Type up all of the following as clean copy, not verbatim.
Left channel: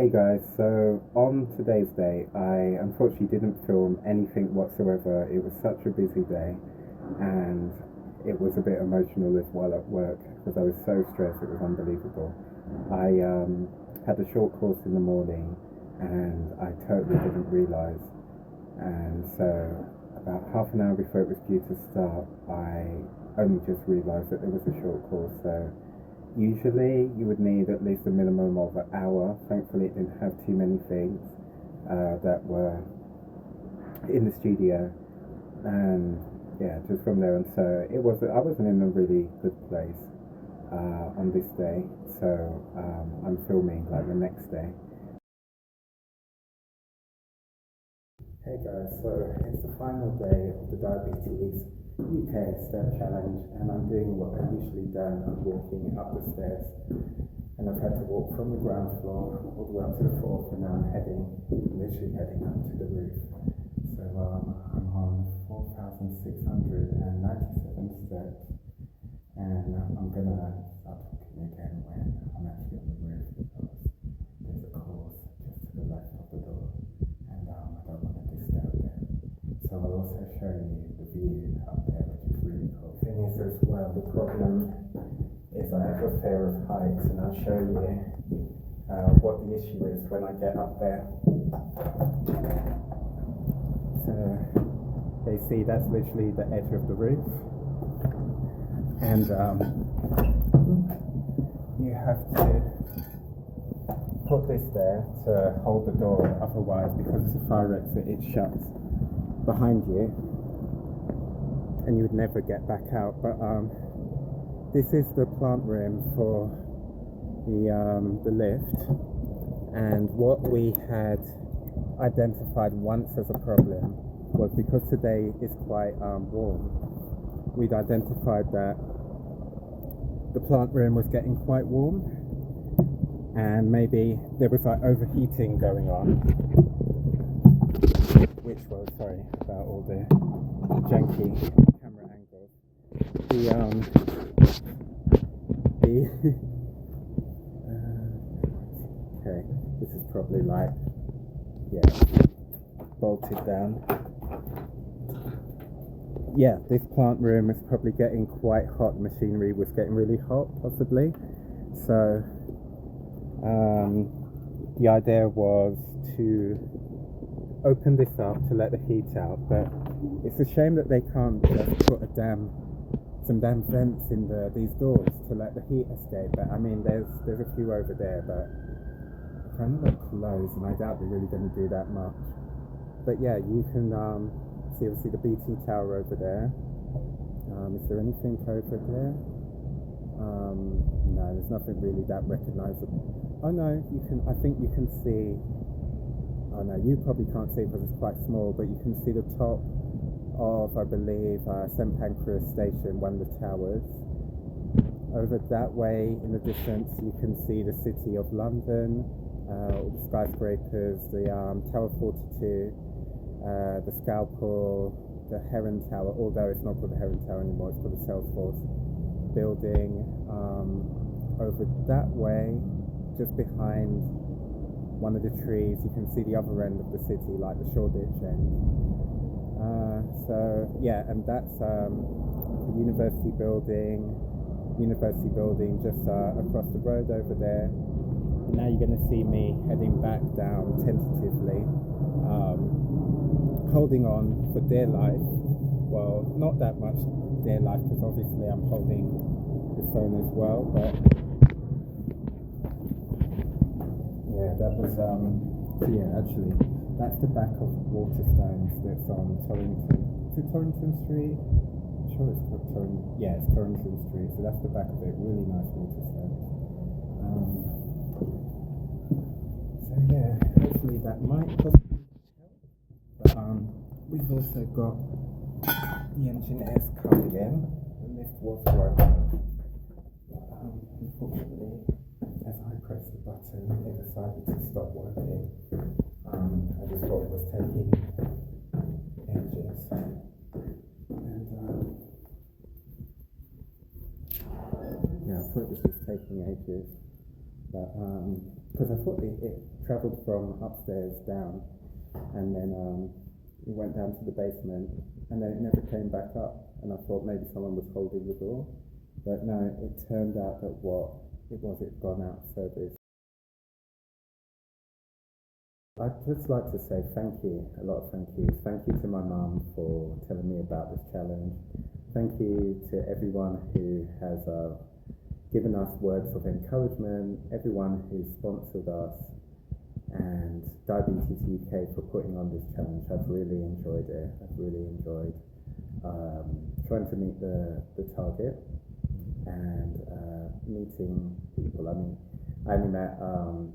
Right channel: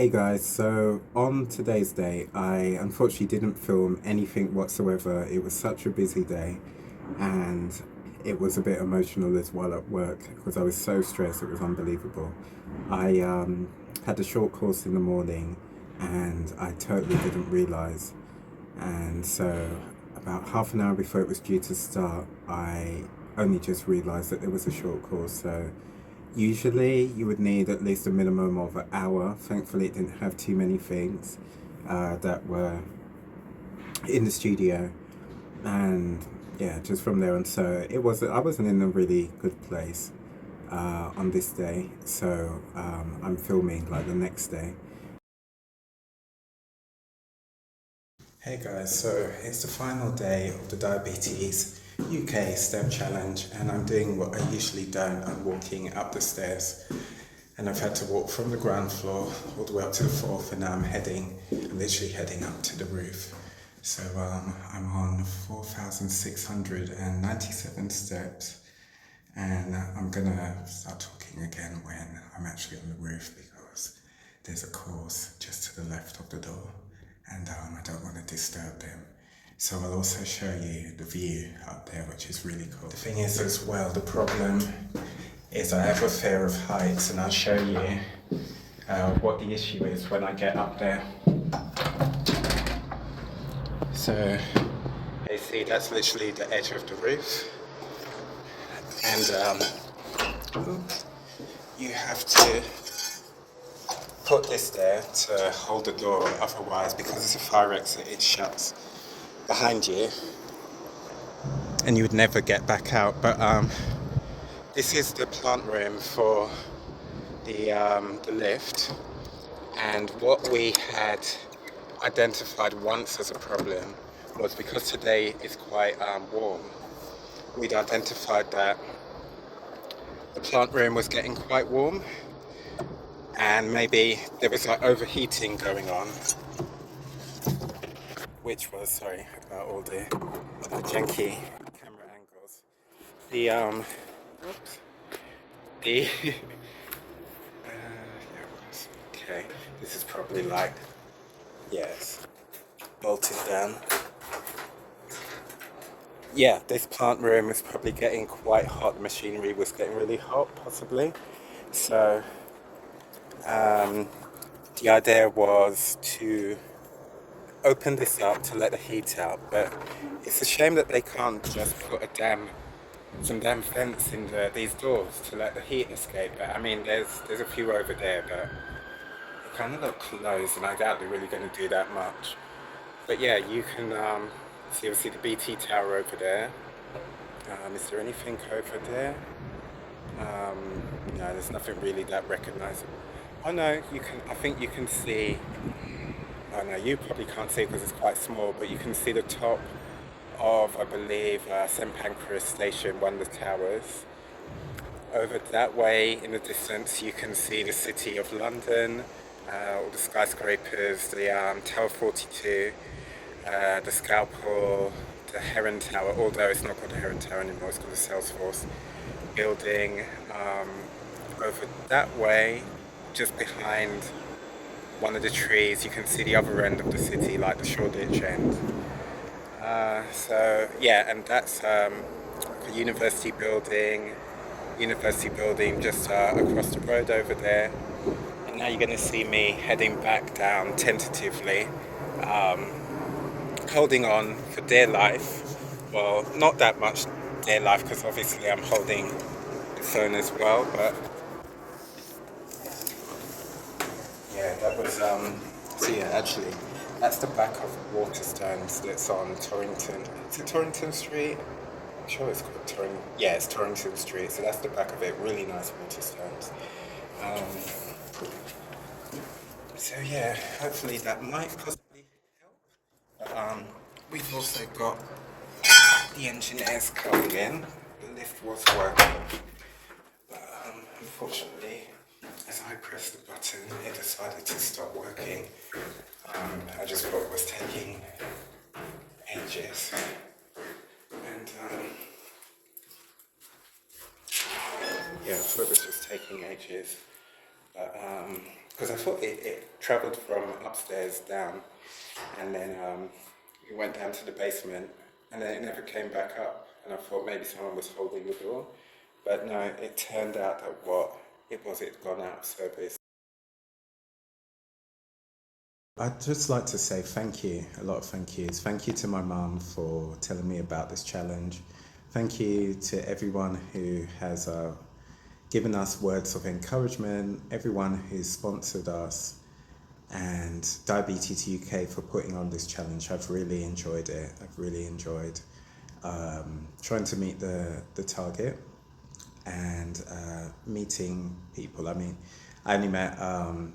Hey guys, so on today's day, I unfortunately didn't film anything whatsoever. It was such a busy day and it was a bit emotional as well at work because I was so stressed, it was unbelievable. I had a short course in the morning and I totally didn't realize. And so, about half an hour before it was due to start, I only just realized that there was a short course. So, usually, you would need at least a minimum of an hour. Thankfully, it didn't have too many things that were in the studio, and yeah, just from there on. So it was. I wasn't in a really good place on this day. So I'm filming like the next day. Hey guys, so it's the final day of the Diabetes UK STEP Challenge, and I'm doing what I usually don't. I'm walking up the stairs, and I've had to walk from the ground floor all the way up to the fourth, and now I'm literally heading up to the roof. So I'm on 4,697 steps, and I'm gonna start talking again when I'm actually on the roof because there's a course just to the left of the door, and I don't want to disturb them. So I'll also show you the view up there, which is really cool. The thing is as well, the problem is I have a fear of heights, and I'll show you what the issue is when I get up there. So you see that's literally the edge of the roof, and you have to put this there to hold the door, otherwise because it's a fire exit it shuts behind you and you would never get back out. But this is the plant room for the lift, and what we had identified once as a problem was because today is quite warm. We'd identified that the plant room was getting quite warm and maybe there was like overheating going on, which was, sorry about all the janky camera angles. The okay, this is probably like, yes, bolted down. Yeah, this plant room is probably getting quite hot. The machinery was getting really hot, possibly. So the idea was to open this up to let the heat out, but it's a shame that they can't just put some damn vents in these doors to let the heat escape. But I mean, there's a few over there, but they kind of look closed, and I doubt they're really going to do that much. But yeah, you can see obviously the BT tower over there. Is there anything over there? No, there's nothing really that recognizable. Oh no, you can. I think you can see. Oh no, you probably can't see it because it's quite small, but you can see the top of, I believe, St Pancras Station, one of the towers. Over that way, in the distance, you can see the City of London, all the skyscrapers, the Tower 42, the Scalpel, the Heron Tower, although it's not called the Heron Tower anymore, it's called the Salesforce building. Over that way, just behind one of the trees, you can see the other end of the city, like the Shoreditch end. So yeah, and that's a university building just across the road over there. And now you're going to see me heading back down tentatively, holding on for dear life. Well, not that much dear life because obviously I'm holding the phone as well, but yeah, that was so yeah, actually that's the back of Waterstones that's on Torrington. Is it Torrington Street? I'm sure it's called Torrington. Yeah, it's Torrington Street. So that's the back of it. Really nice Waterstones. So yeah, hopefully that might possibly help. But we've also got the engineers coming in. The lift was working, but unfortunately, as I pressed the button, it decided to stop working. I just thought it was taking ages, and yeah, I thought it was just taking ages. But because I thought it travelled from upstairs down, and then it went down to the basement, and then it never came back up. And I thought maybe someone was holding the door, but no, it turned out that what it was, it'd gone out of service. I'd just like to say thank you, a lot of thank yous. Thank you to my mum for telling me about this challenge. Thank you to everyone who has given us words of encouragement, everyone who's sponsored us, and Diabetes UK for putting on this challenge. I've really enjoyed it. I've really enjoyed trying to meet the target and meeting people. I mean, I only met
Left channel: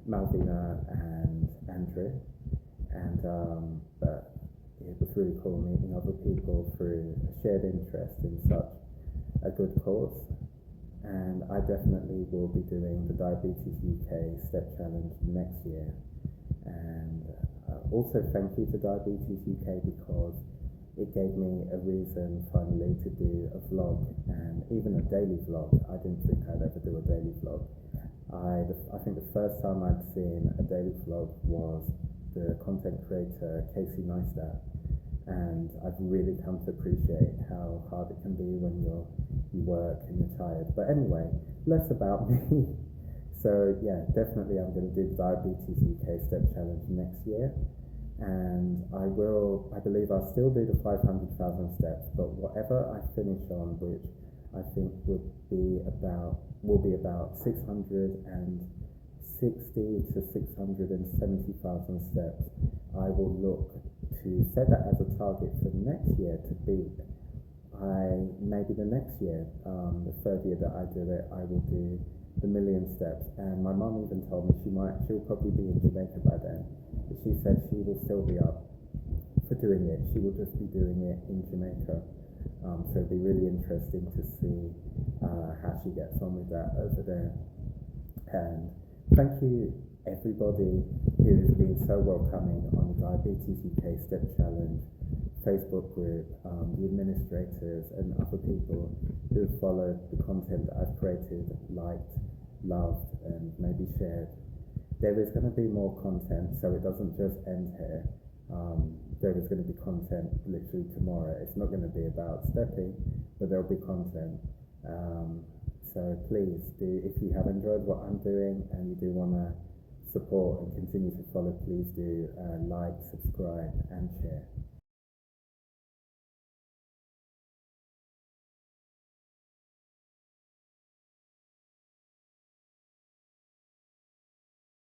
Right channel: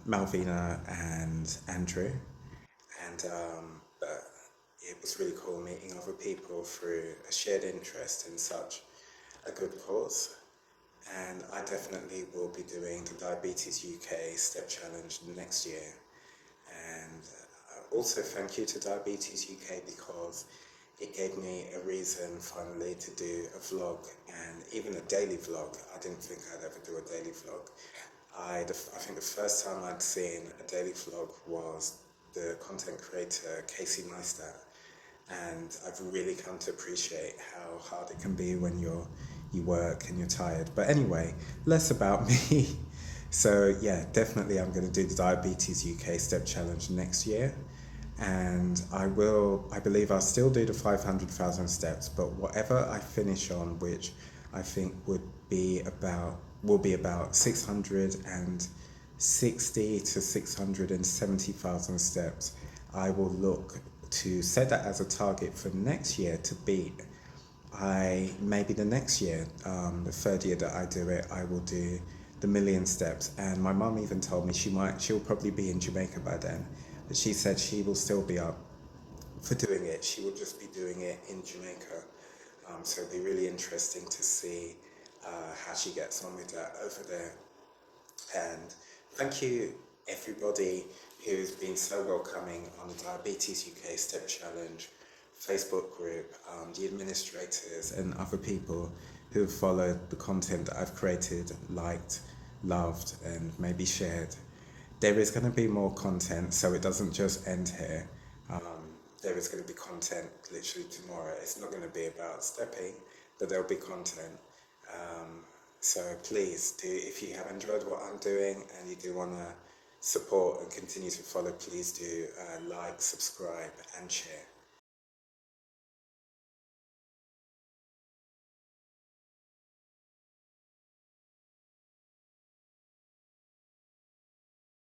Malvina and Andrew, and but it was really cool meeting other people through a shared interest in such a good cause. And I definitely will be doing the Diabetes UK Step Challenge next year. And also thank you to Diabetes UK because it gave me a reason finally to do a vlog and even a daily vlog. I didn't think I'd ever do a daily vlog. I think the first time I'd seen a daily vlog was the content creator Casey Neistat, and I've really come to appreciate how hard it can be when you work and you're tired. But anyway, less about me. So yeah, definitely I'm going to do the Diabetes UK Step Challenge next year, and I believe I'll still do the 500,000 steps, but whatever I finish on, which I think will be about 660 to 670,000 steps. I will look to set that as a target for next year to beat. Maybe the next year, the third year that I do it, I will do the million steps. And my mum even told me she'll probably be in Jamaica by then, but she said she will still be up for doing it. She will just be doing it in Jamaica. So it'll be really interesting to see how she gets on with that over there. And thank you everybody who's been so welcoming on the Diabetes UK Step Challenge Facebook group, the administrators and other people who have followed the content that I've created, liked, loved and maybe shared. There is going to be more content, so it doesn't just end here. There is going to be content literally tomorrow. It's not going to be about stepping, but there'll be content. So please do, if you have enjoyed what I'm doing and you do want to support and continue to follow, please do like, subscribe and share.